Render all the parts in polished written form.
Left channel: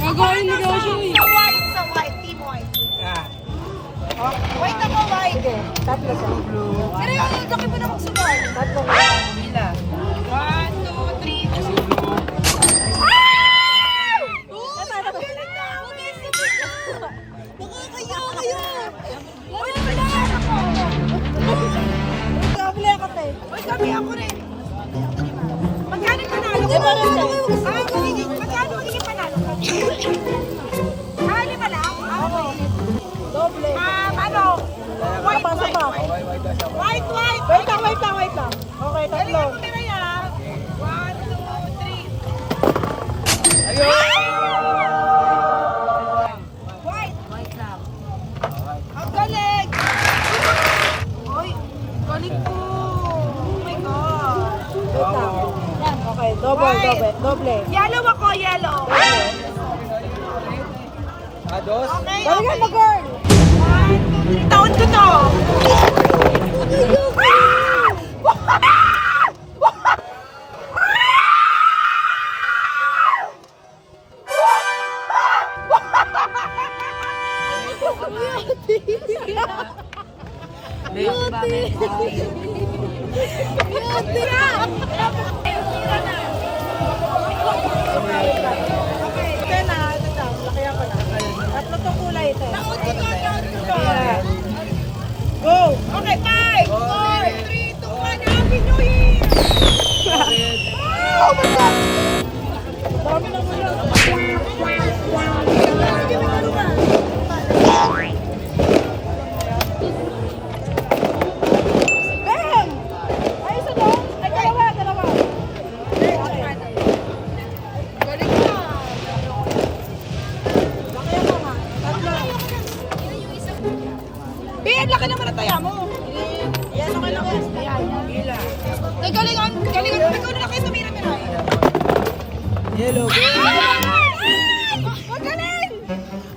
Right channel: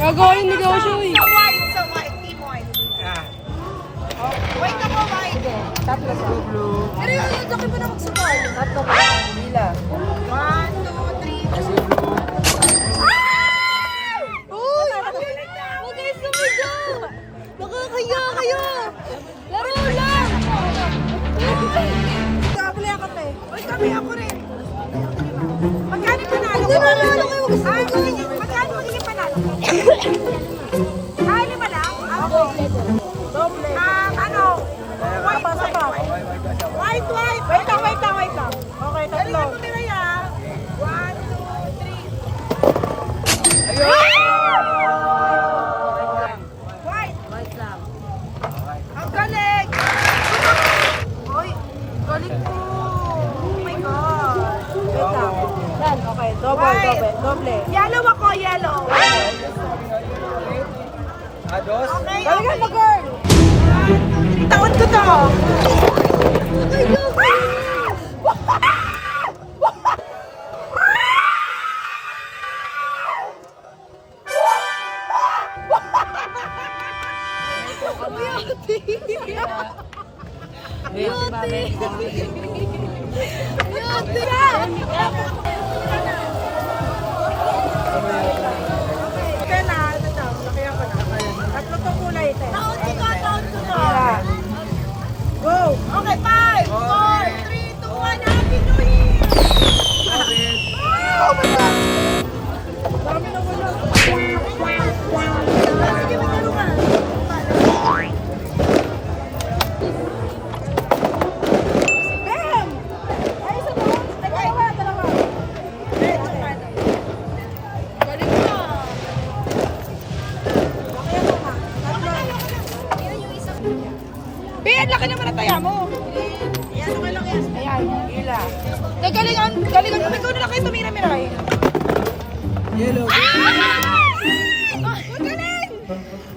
Gagawin ni Gojoy. Sa white, team white. White ako, white. Tatlo sa blue. Pero yung laki pa na magsabay. Tatlo ka. Pila. 1, 2, 3. Uy! Ang galing na! Huwag kayo sumigaw! Baka kaya kayo! Laro lang! Kabili ako pa eh. Uy, sabi ako rin. Magkano pa na? Hindi ba na? Ay, magkano magiging pa na? Kali pa na? Doble. Ano? White. Wait lang. Okay, tatlo. Galingan mo nila yan. 1, 2, 3. White lang. Ang galing! Uy, galing ko. Oh my God. Wait lang. Okay, doble. Yellow ako, yellow. Dos. Okay, Galingan mo, girl. taon ko to. Tatlo to kulay ito. Taon ko to. Yeah. Go! Okay, 5, 4, 3, 2, 1. Happy New Year! Oh my God! Dami na mo lang. Sige, matulungan. Bam! Ay, isa doon. Ay, dalawa. Galing na. Laki ako nga. Tatlo. Be, ang laki naman ang taya mo. Yan, okay lang yan. Ayan. Gila. Galingan mo. Ikaw na lang kayo tumira-miray. Yellow. Ang galing!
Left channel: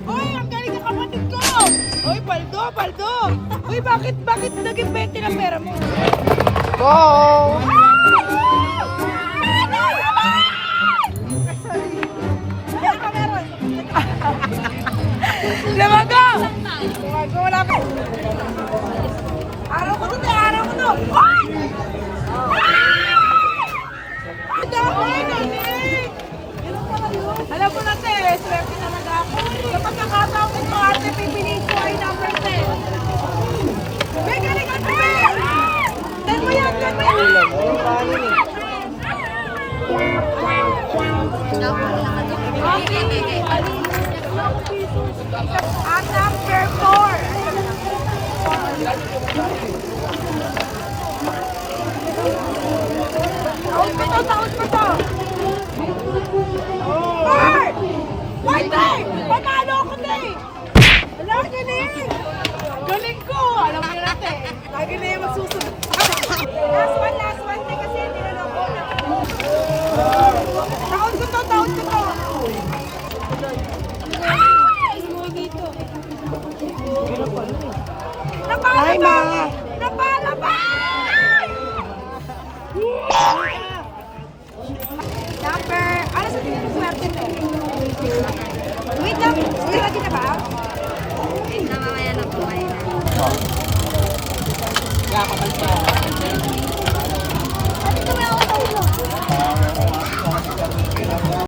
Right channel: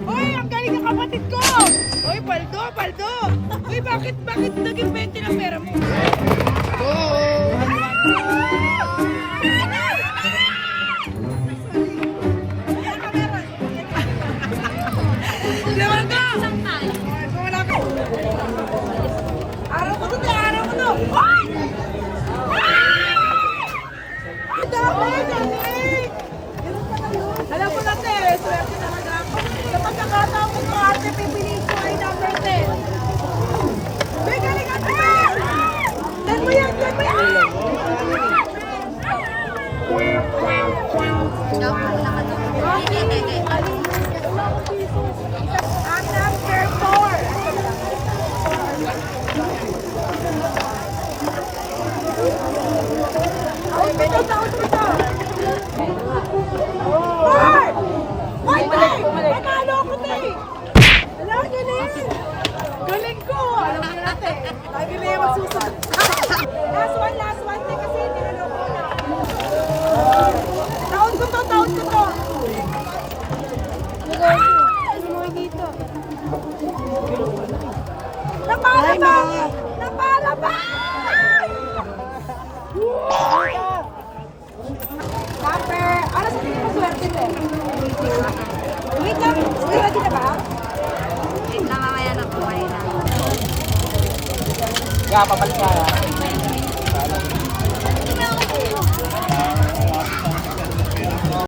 Uy, ang galing ng kapatid ko! Uy, paldo! Uy, bakit naging 20 ng pera mo? Go! Lamaga! Wala pa. Araw ko to! Uy! Ang dami! Alam mo na, te, swerte naman ako. Sa pagkakataong ito, ate, pipiliin ko ay number 10. May galing ate! Dan mo yan! At number 4. Taon ko to. Panalo ako, te! Wala, galing! Galing ko! Alam mo na, te. Lagi na yung magsusunod. Last one, te, kasi niloloko na. Taon ko to. Napalabay! Number, ano sa tingin mo swerte, te? Wait lang, ready na ba? Wait lang, mamaya na po kayo na. Wala, papalit pa kaya.